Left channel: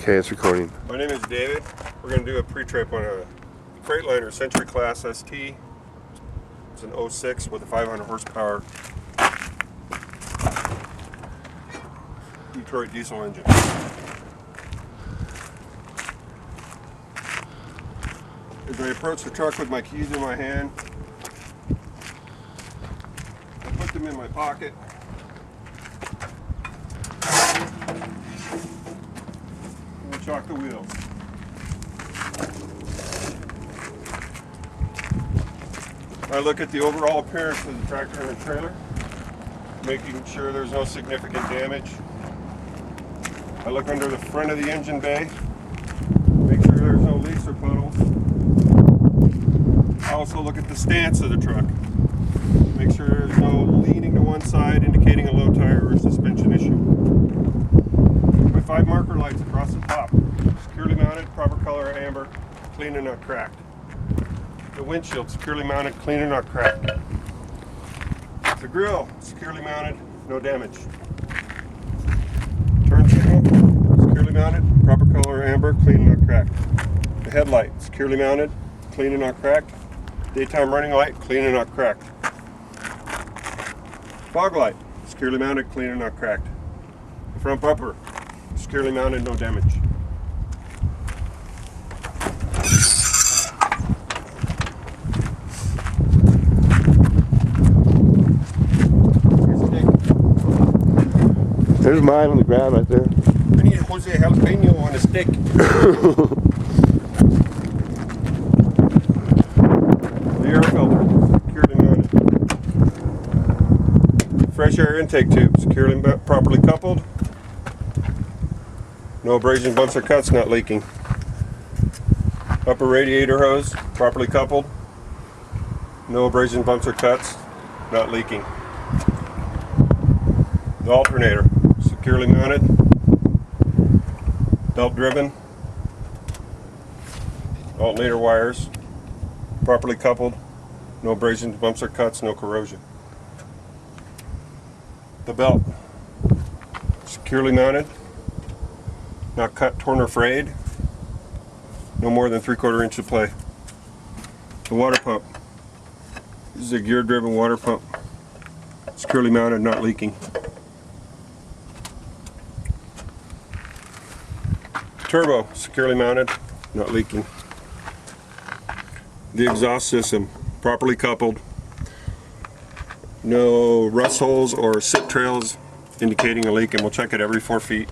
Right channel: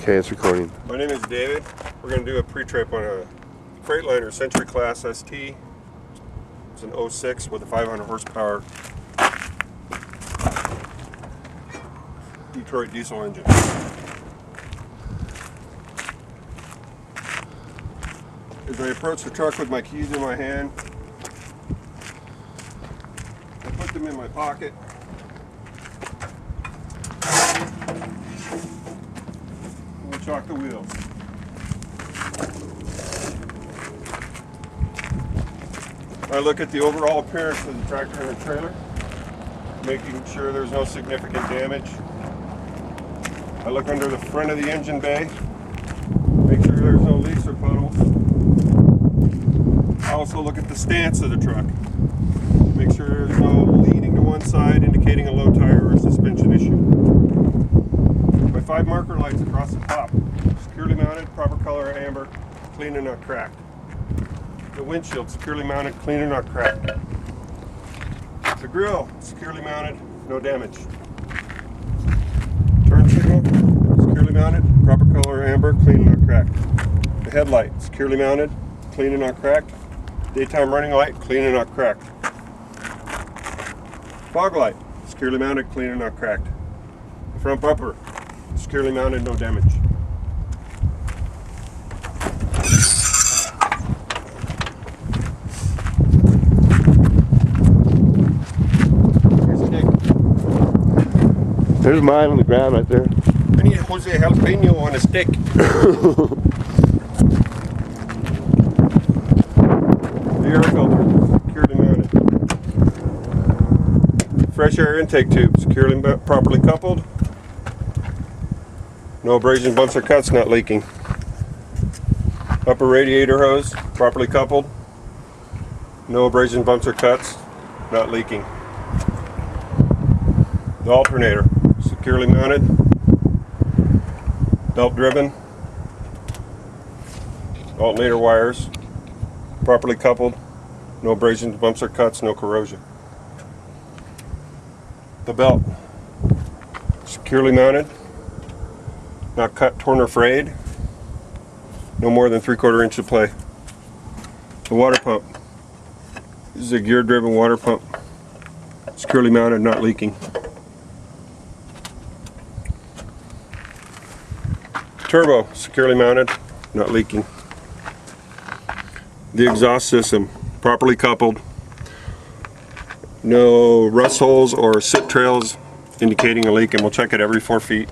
Okay, it's recording. My name is David. We're going to do a pre-trip on a Freightliner Century Class ST. It's an 06 with a 500 horsepower Detroit diesel engine. As I approach the truck with my keys in my hand, I put them in my pocket. And we chalk the wheels. I look at the overall appearance of the tractor and the trailer, making sure there's no significant damage. I look under the front of the engine bay, make sure there's no leaks or puddles. I also look at the stance of the truck, make sure there's no leaning to one side indicating a low tire or suspension issue. My 5 marker lights across the top, securely mounted, proper color amber, clean and not cracked. The windshield securely mounted, clean and not cracked. The grille securely mounted, no damage. Turn signal securely mounted, proper color amber, clean and not cracked. The headlight securely mounted, clean and not cracked. Daytime running light, clean and not cracked. Fog light securely mounted, clean and not cracked. The front bumper securely mounted, no damage. There's mine on the ground right there. I need Jose Jalapeno on a stick. The air filter, securely mounted. Fresh air intake tube, securely properly coupled. No abrasion, bumps or cuts, not leaking. Upper radiator hose, properly coupled. No abrasion, bumps or cuts, not leaking. The alternator, securely mounted, belt driven, alternator wires, properly coupled, no abrasions, bumps or cuts, no corrosion. The belt, securely mounted, not cut, torn or frayed, no more than 3/4 inch of play. The water pump, this is a gear driven water pump, securely mounted, not leaking. Turbo, securely mounted, not leaking. The exhaust system, properly coupled. No rust holes or soot trails indicating a leak, and we'll check it every 4 feet.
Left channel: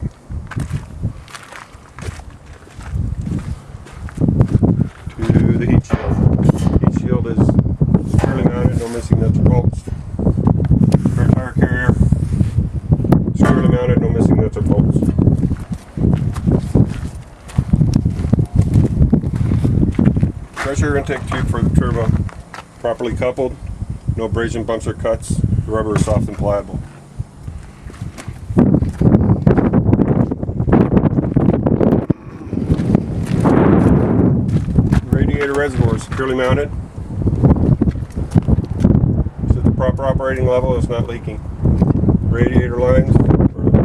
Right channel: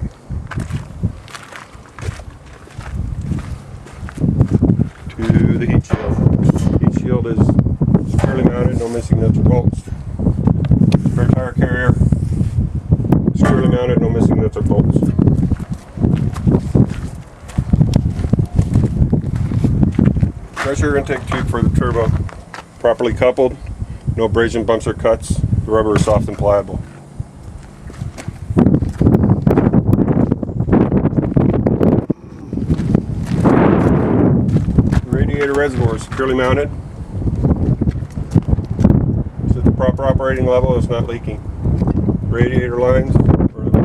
To the heat shield. Heat shield is securely mounted, no missing nuts or bolts. Spare tire carrier, securely mounted, no missing nuts or bolts. Fresh air intake tube for the turbo, properly coupled, no abrasion, bumps or cuts. The rubber is soft and pliable. The radiator reservoir is securely mounted. It's at the proper operating level, it's not leaking. Radiator lines for the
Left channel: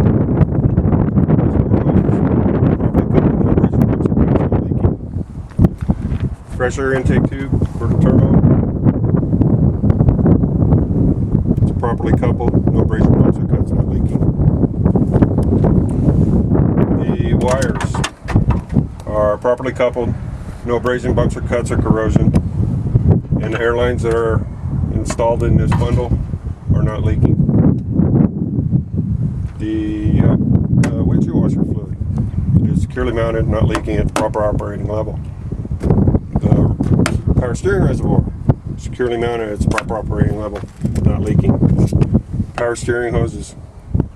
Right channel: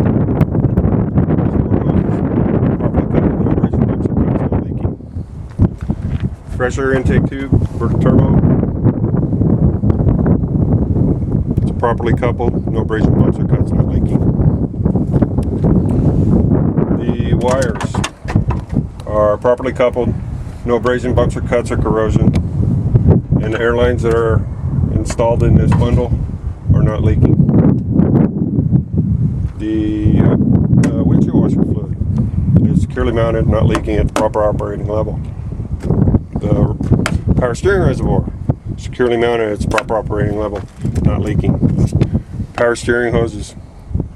reservoir hoses, properly coupled, no abrasion, bumps or cuts, not leaking. Fresh air intake tube for the turbo. It's properly coupled, no abrasion, bumps or cuts, not leaking. The wires are properly coupled, no abrasion, bumps or cuts or corrosion. And the air lines that are installed in this bundle are not leaking. The windshield washer fluid is securely mounted, not leaking at the proper operating level. The power steering reservoir, securely mounted at its proper operating level, not leaking. Power steering hose is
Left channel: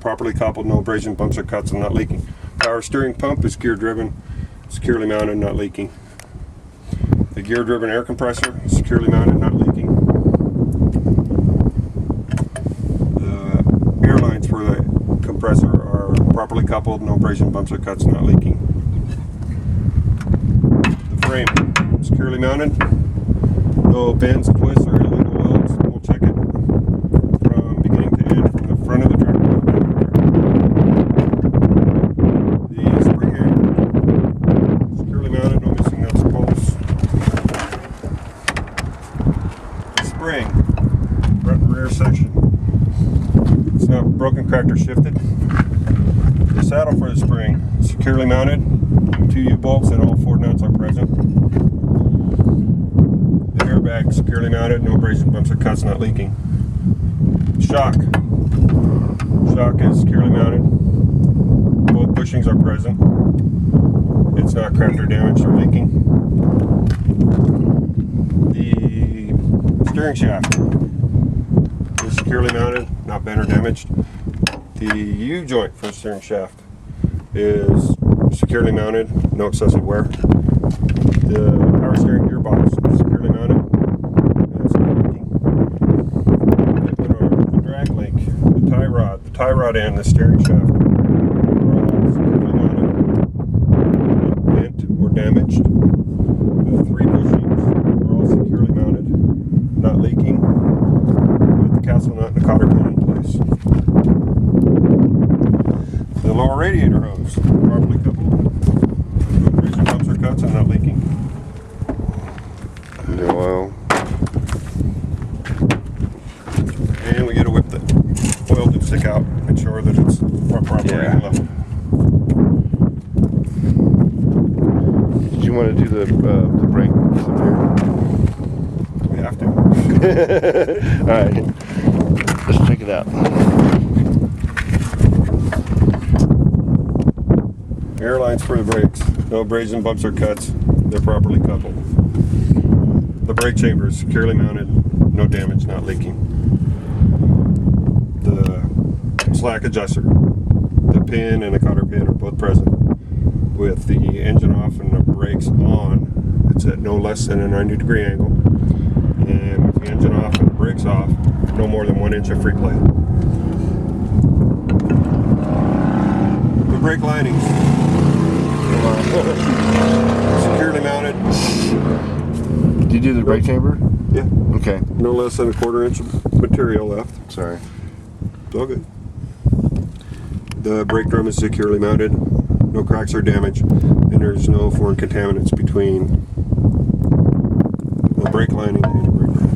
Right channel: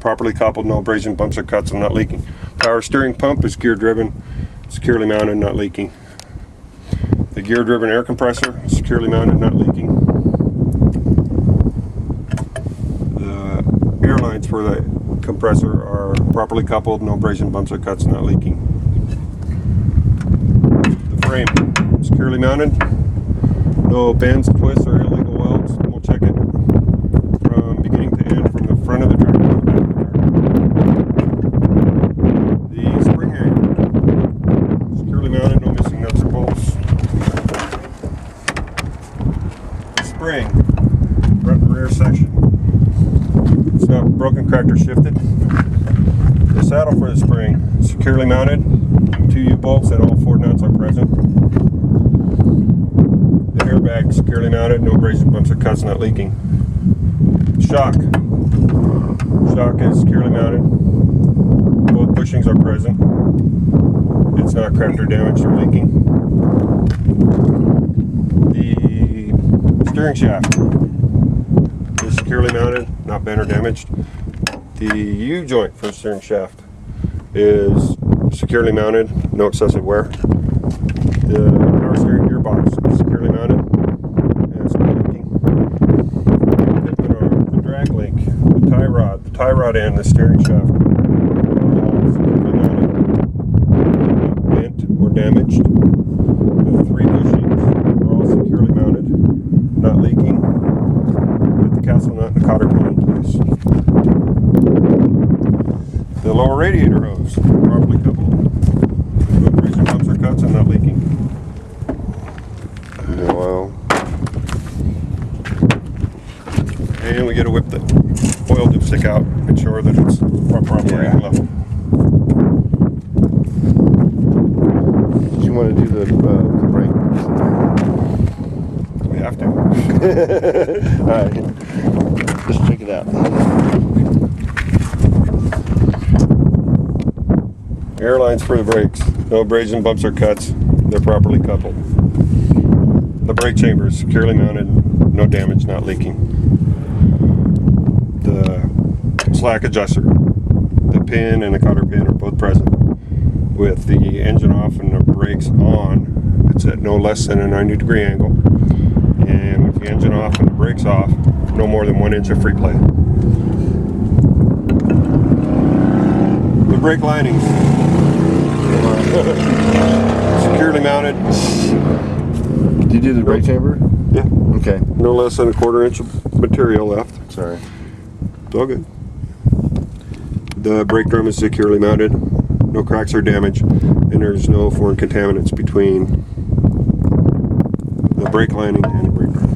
properly coupled, no abrasion, bumps or cuts, and not leaking. Power steering pump is gear driven, securely mounted, not leaking. The gear driven air compressor, securely mounted, not leaking. The air lines for the compressor are properly coupled, no abrasion, bumps or cuts, not leaking. The frame, securely mounted, no bends, twists, or illegal welds, and we'll check it from beginning to end, from the front of the tractor to the back of the tractor. The spring hanger securely mounted, no missing nuts or bolts. Spring, front and rear section. It's not broken, cracked, or shifted. The saddle for the spring, securely mounted. 2 U-bolts and all 4 nuts are present. The airbag, securely mounted, no abrasion, bumps, or cuts, not leaking. Shock. Shock is securely mounted. Both bushings are present. It's not cracked or damaged or leaking. The steering shaft is securely mounted, not bent or damaged. The U-joint for the steering shaft is securely mounted, no excessive wear. The power steering gearbox is securely mounted and it's not leaking. Equipment are the drag link, the tie rod and the steering shaft are all securely mounted, not bent or damaged. The 3 bushings are all securely mounted, not leaking, with the castle nut and the cotter pin in place. The lower radiator hose, properly coupled, no abrasion, bumps, or cuts, and not leaking. No oil. And we get to whip the oil dipstick out, ensure that it's proper operating level. Did you want to do the brakes up here? We have to. All right. Let's check it out. Airlines for the brakes, no abrasion, bumps, or cuts. They're properly coupled. The brake chamber is securely mounted, no damage, not leaking. The slack adjuster, the pin and the cotter pin are both present. With the engine off and the brakes on, it's at no less than a 90-degree angle. And with the engine off and the brakes off, no more than 1 inch of free play. The brake linings, securely mounted. Did you do the brake chamber? Yeah. Okay. No less than a 1/4 inch of material left. Sorry. It's all good. The brake drum is securely mounted, no cracks or damage, and there's no foreign contaminants between the brake lining and the brake drum.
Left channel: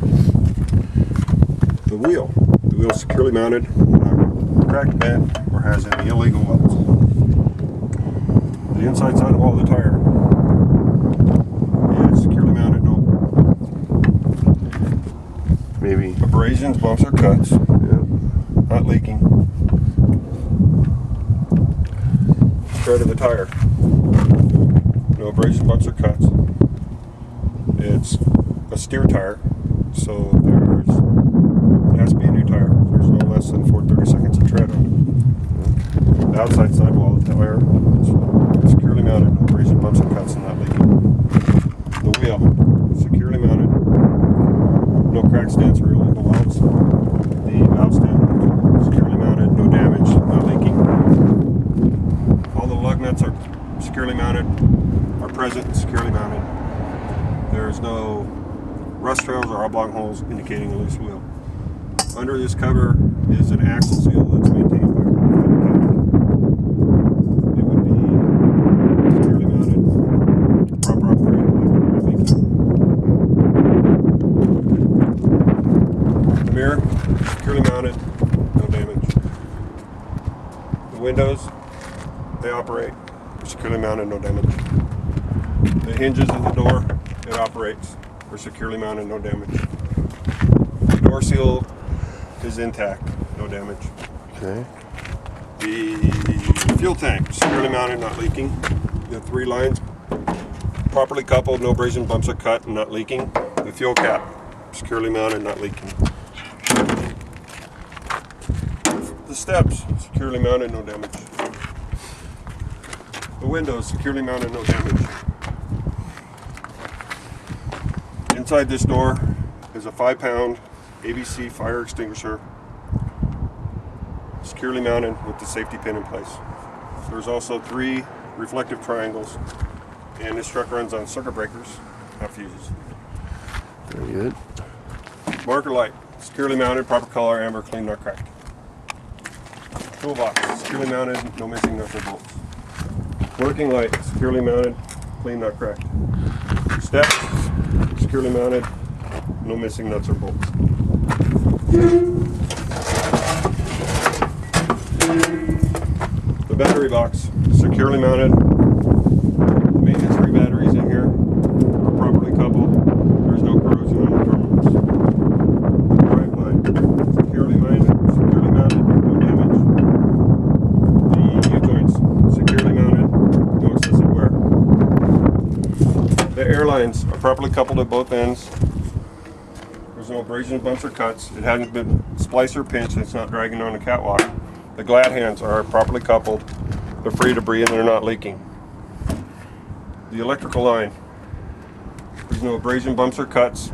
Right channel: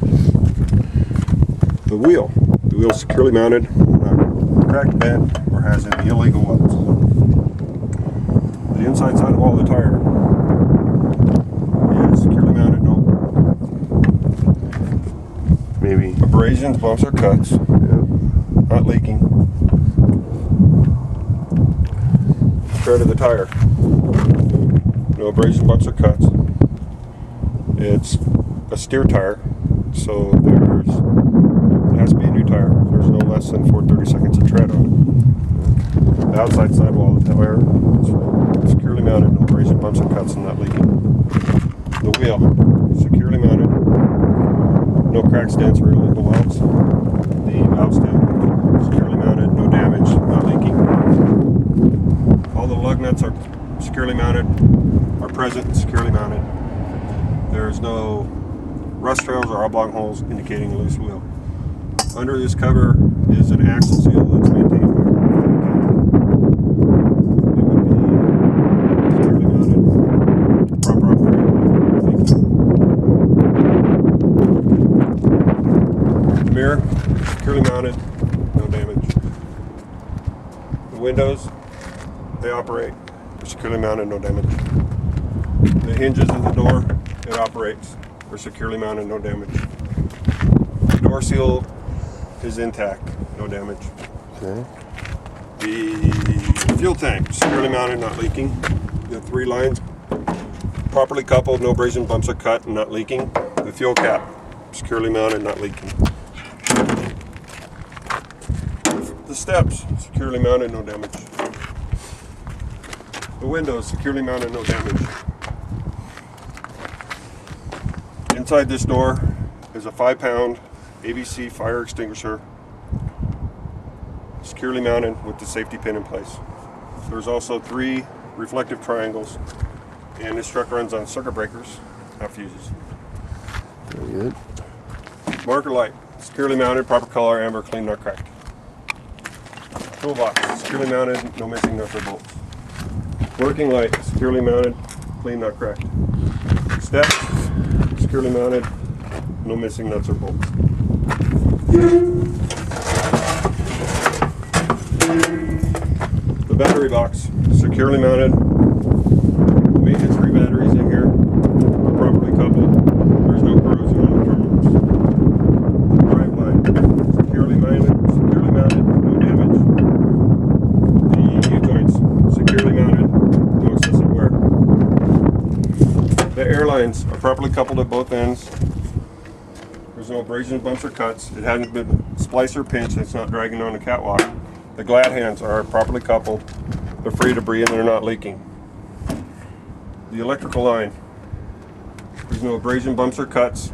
The wheel is securely mounted, not cracked, bent, or has any illegal welds. The inside sidewall of the tire is securely mounted, no Maybe. abrasions, bumps, or cuts, Yeah. not leaking. Tread of the tire, no abrasion, bumps, or cuts. It's a steer tire, so it has to be a new tire. There's no less than 4/32 of tread on it. The outside sidewall of the tire is securely mounted, no abrasion, bumps, or cuts, and not leaking. The wheel, securely mounted, no cracks, dents, or illegal welds. The valve stem, securely mounted, no damage, not leaking. All the lug nuts are securely mounted, are present, securely mounted. There's no rust trails or oblong holes indicating a loose wheel. Under this cover is an axle seal that's maintained by a qualified mechanic. It would be securely mounted, proper operating level, not leaking. The mirror, securely mounted, no damage. The windows, they operate, they're securely mounted, no damage. The hinges of the door, it operates, they're securely mounted, no damage. The door seal is intact, no damage. Okay. The fuel tank, securely mounted, not leaking. The 3 lines, properly coupled, no abrasion, bumps, or cut, and not leaking. The fuel cap, securely mounted, not leaking. The steps, securely mounted, no damage. The windows, securely mounted, no damage. Inside this door is a 5-pound ABC fire extinguisher, securely mounted with the safety pin in place. There's also 3 reflective triangles, and this truck runs on circuit breakers, not fuses. Very good. Marker light, securely mounted, proper color, amber, clean, not cracked. Toolbox, securely mounted, no missing nuts or bolts. Working light, securely mounted, clean, not cracked. Steps, securely mounted, no missing nuts or bolts. The battery box, securely mounted. The maintenance-free batteries in here are properly coupled. There's no corrosion on the terminals. The drive line, securely mounted, no damage. The U-joints, securely mounted, no excessive wear. The air lines are properly coupled at both ends. There's no abrasions, bumps, or cuts. It hasn't been spliced or pinched. It's not dragging on the catwalk. The glad hands are properly coupled. They're free to breathe and they're not leaking. The electrical line, there's no abrasion, bumps, or cuts.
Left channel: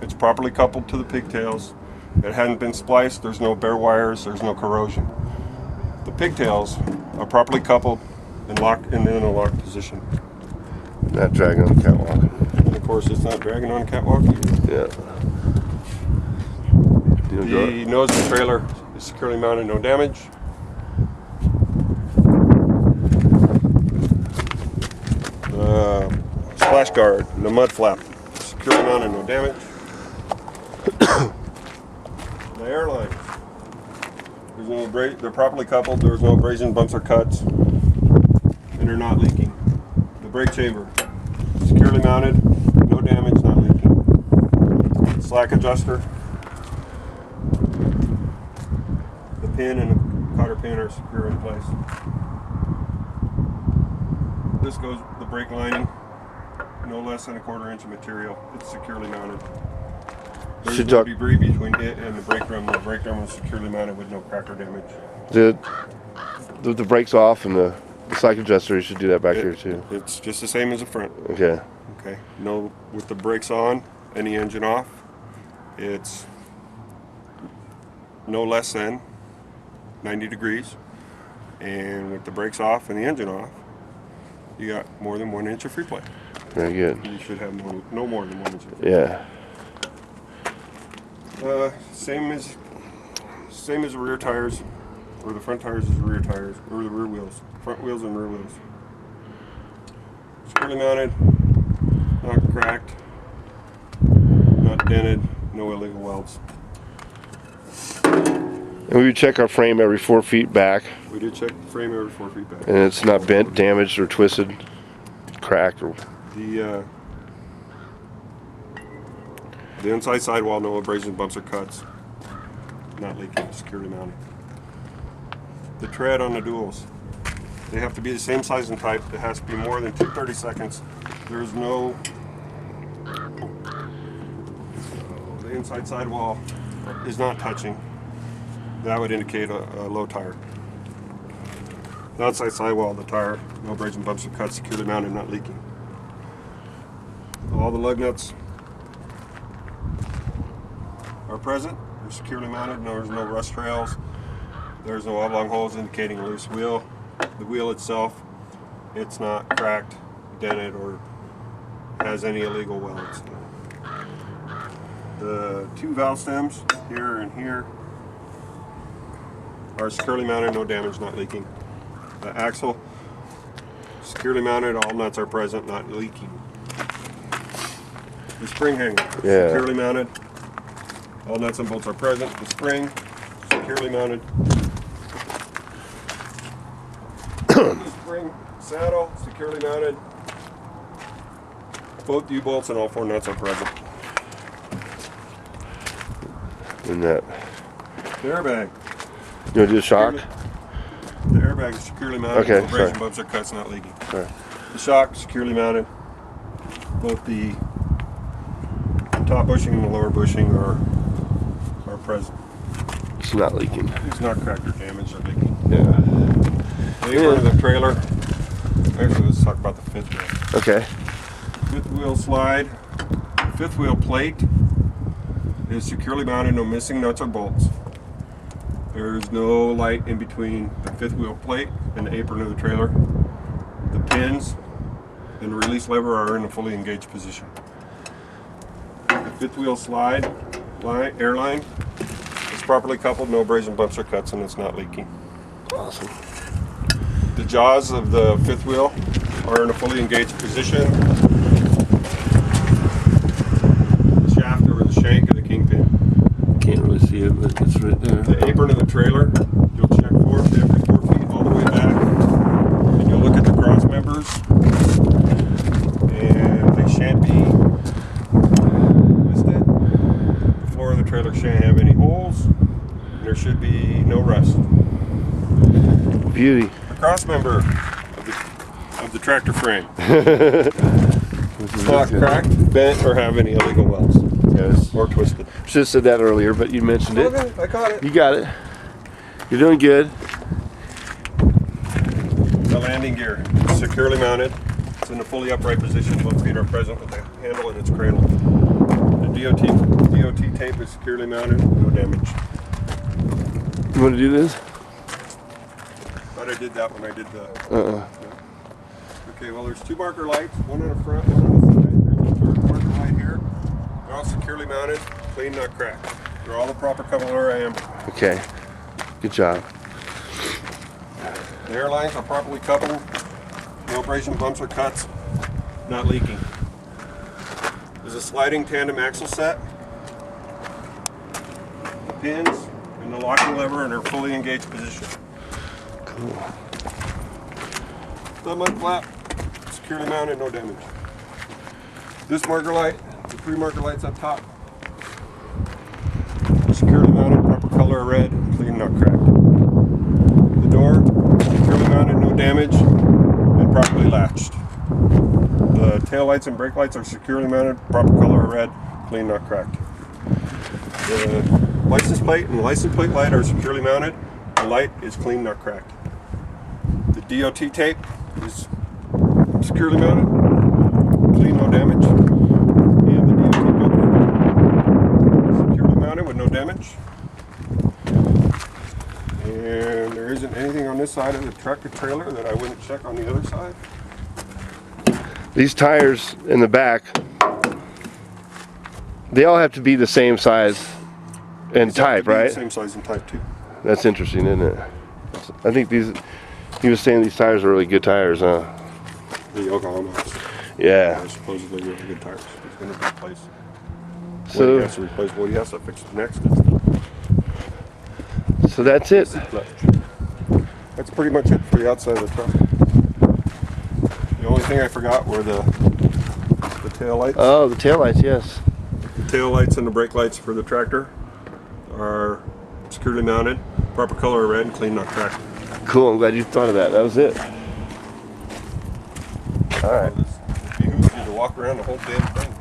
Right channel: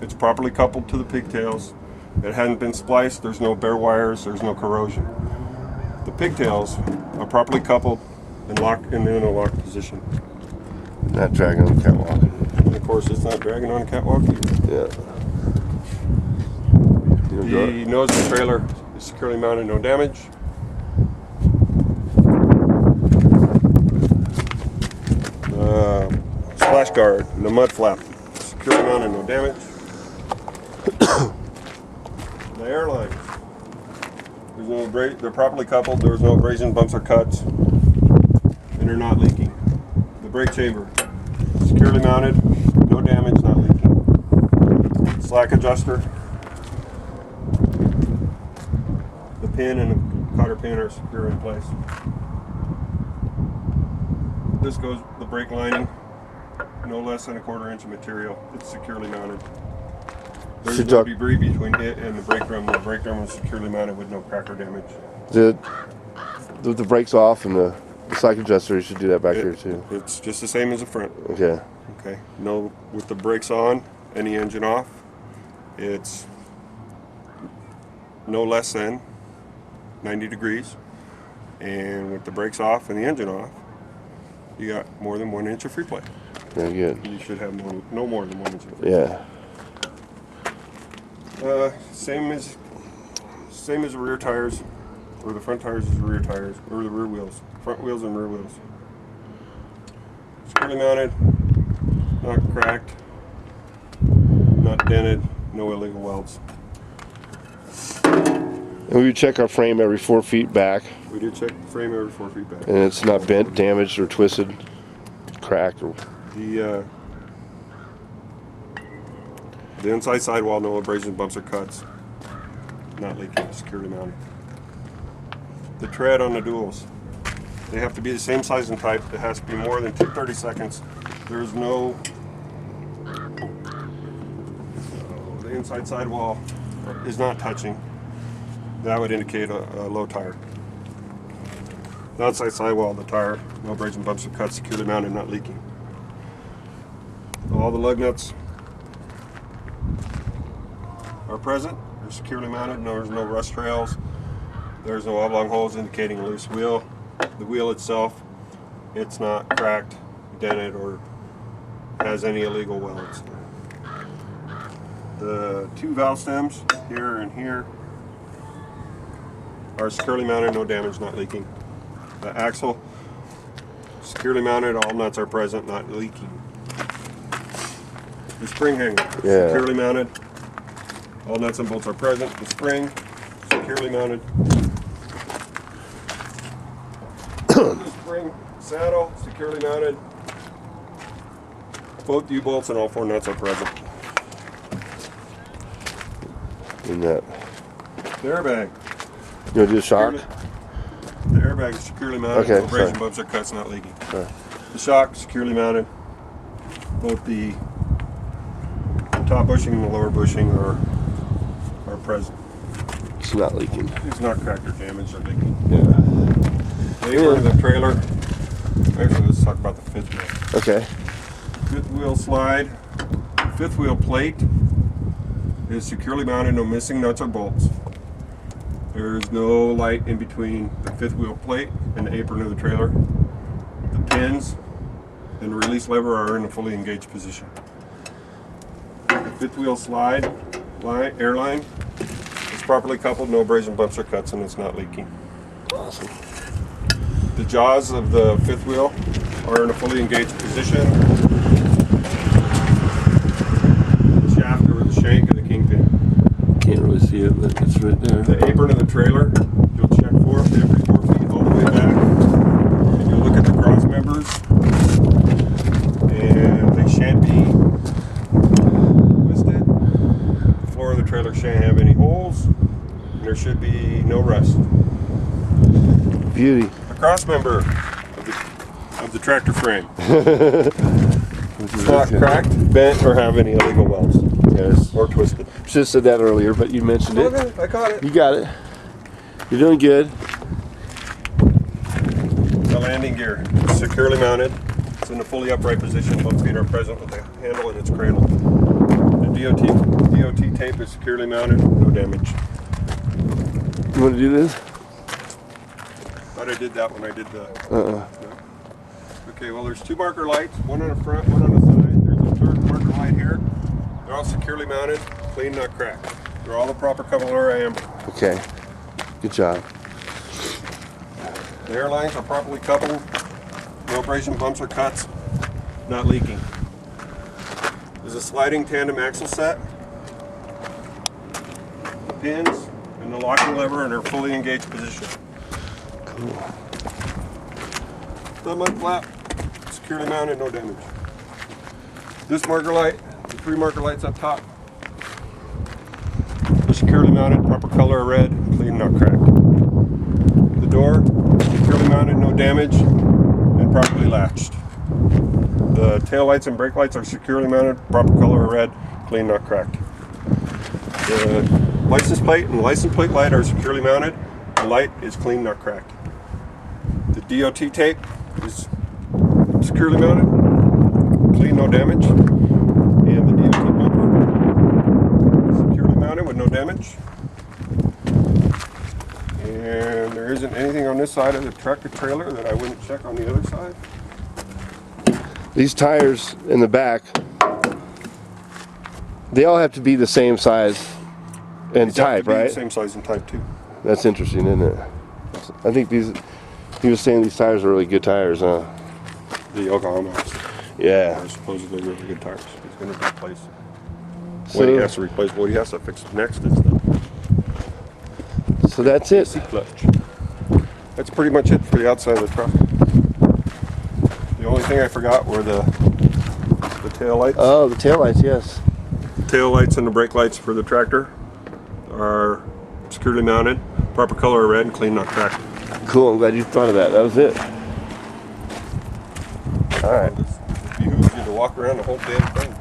It's properly coupled to the pigtails. It hasn't been spliced. There's no bare wires. There's no corrosion. The pigtails are properly coupled and locked in a locked position. Not dragging on the catwalk. And of course, it's not dragging on the catwalk either. Yeah. The nose of the trailer is securely mounted, no damage. The splash guard, the mud flap, securely mounted, no damage. The airlines, they're properly coupled. There's no abrasion, bumps, or cuts, and they're not leaking. The brake chamber, securely mounted, no damage, not leaking. Slack adjuster, the pin and the cotter pin are secure in place. This goes the brake lining, no less than 1/4 inch of material. It's securely mounted. There's no debris between it and the brake drum. The brake drum is securely mounted with no crack or damage. The brakes off and the slack adjuster, you should do that back here too. It's just the same as the front. Okay. Okay. No, with the brakes on and the engine off, it's no less than 90 degrees. And with the brakes off and the engine off, you got more than 1 inch of free play. Very good. You should have no more than 1 inch of free play. Yeah. Same as the rear tires, or the front tires as the rear tires, or the rear wheels, front wheels and rear wheels. Securely mounted, not cracked, not dented, no illegal welds. And we check our frame every 4 feet back. We do check the frame every 4 feet back. And it's not bent, damaged, or twisted, cracked. Or... The inside sidewall, no abrasions, bumps, or cuts. Not leaking, securely mounted. The tread on the duals, they have to be the same size and type. It has to be more than 2/32. There's no... The inside sidewall is not touching. That would indicate a low tire. The outside sidewall of the tire, no abrasions, bumps, or cuts, securely mounted, not leaking. All the lug nuts are present. They're securely mounted. There's no rust trails. There's no oblong holes indicating a loose wheel. The wheel itself, it's not cracked, dented, or has any illegal welds. The 2 valve stems, here and here, are securely mounted, no damage, not leaking. The axle, securely mounted, all nuts are present, not leaking. The spring hanger, securely mounted, all nuts and bolts are present. The spring, securely mounted. The spring saddle, securely mounted. Both U-bolts and all 4 nuts are present. And that. The airbag. You want to do the shock? The airbag is securely mounted. Okay, no abrasion, bumps, or cuts, not leaking. Sorry. The shock, securely mounted. Both the top bushing and the lower bushing are present. It's not leaking. It's not cracked or damaged or leaking. Yeah. The apron of the trailer. Actually, let's talk about the fifth wheel. Okay. Fifth wheel slide. Fifth wheel plate is securely mounted, no missing nuts or bolts. There's no light in between the fifth wheel plate and the apron of the trailer. The pins and the release lever are in a fully engaged position. The fifth wheel slide airline is properly coupled, no abrasion, bumps, or cuts, and it's not leaking. Awesome. The jaws of the fifth wheel are in a fully engaged position. The shaft over the shank of the kingpin. Can't really see it, but it's right there. The apron of the trailer, you'll check for every 4 feet all the way back. And you'll look at the cross members. And they shan't be twisted. The floor of the trailer shan't have any holes. And there should be no rust. Beauty. The cross member of the tractor frame. It's not cracked, bent, or have any illegal welds. Yes. Or twisted. Should have said that earlier, but you mentioned it. Okay, I caught it. You got it. You're doing good. The landing gear, it's securely mounted. It's in a fully upright position. Both feet are present with the handle in its cradle. The DOT tape is securely mounted, no damage. You want to do this? Thought I did that when I did the... No. Okay, well there's 2 marker lights, one on the front, one on the side. There's a 3rd marker light here. They're all securely mounted, clean, not cracked. They're all the proper Cavalera amber. Okay. Good job. The airlines are properly coupled. No abrasion, bumps, or cuts. Not leaking. There's a sliding tandem axle set. The pins and the locking lever in their fully engaged position. Cool. The mud flap, securely mounted, no damage. This marker light, the 3 marker lights up top, are securely mounted, proper color of red, clean, not cracked. The door, securely mounted, no damage, and properly latched. The tail lights and brake lights are securely mounted, proper color of red, clean, not cracked. The license plate and the license plate light are securely mounted. The light is clean, not cracked. The DOT tape is securely mounted, clean, no damage. And the DOT bumper is securely mounted with no damage. And there isn't anything on this side of the tractor trailer that I wouldn't check on the other side. These tires in the back, they all have to be the same size and These have type, to be right? the same size and type too. That's interesting, isn't it? I think these, he was saying these tires are really good tires, huh? The Yokohamas Yeah. are supposedly really good tires. He's going to replace. So- What he has to replace, what he has to fix next is the So that's it. seat clutch. That's pretty much it for the outside of the truck. The only thing I forgot were the tail lights. Oh, the taillights, yes. The tail lights and the brake lights for the tractor are securely mounted, proper color of red, and clean, not cracked. Cool, I'm glad you thought of that. That was it. All right. It behooves you to walk around the whole damn thing.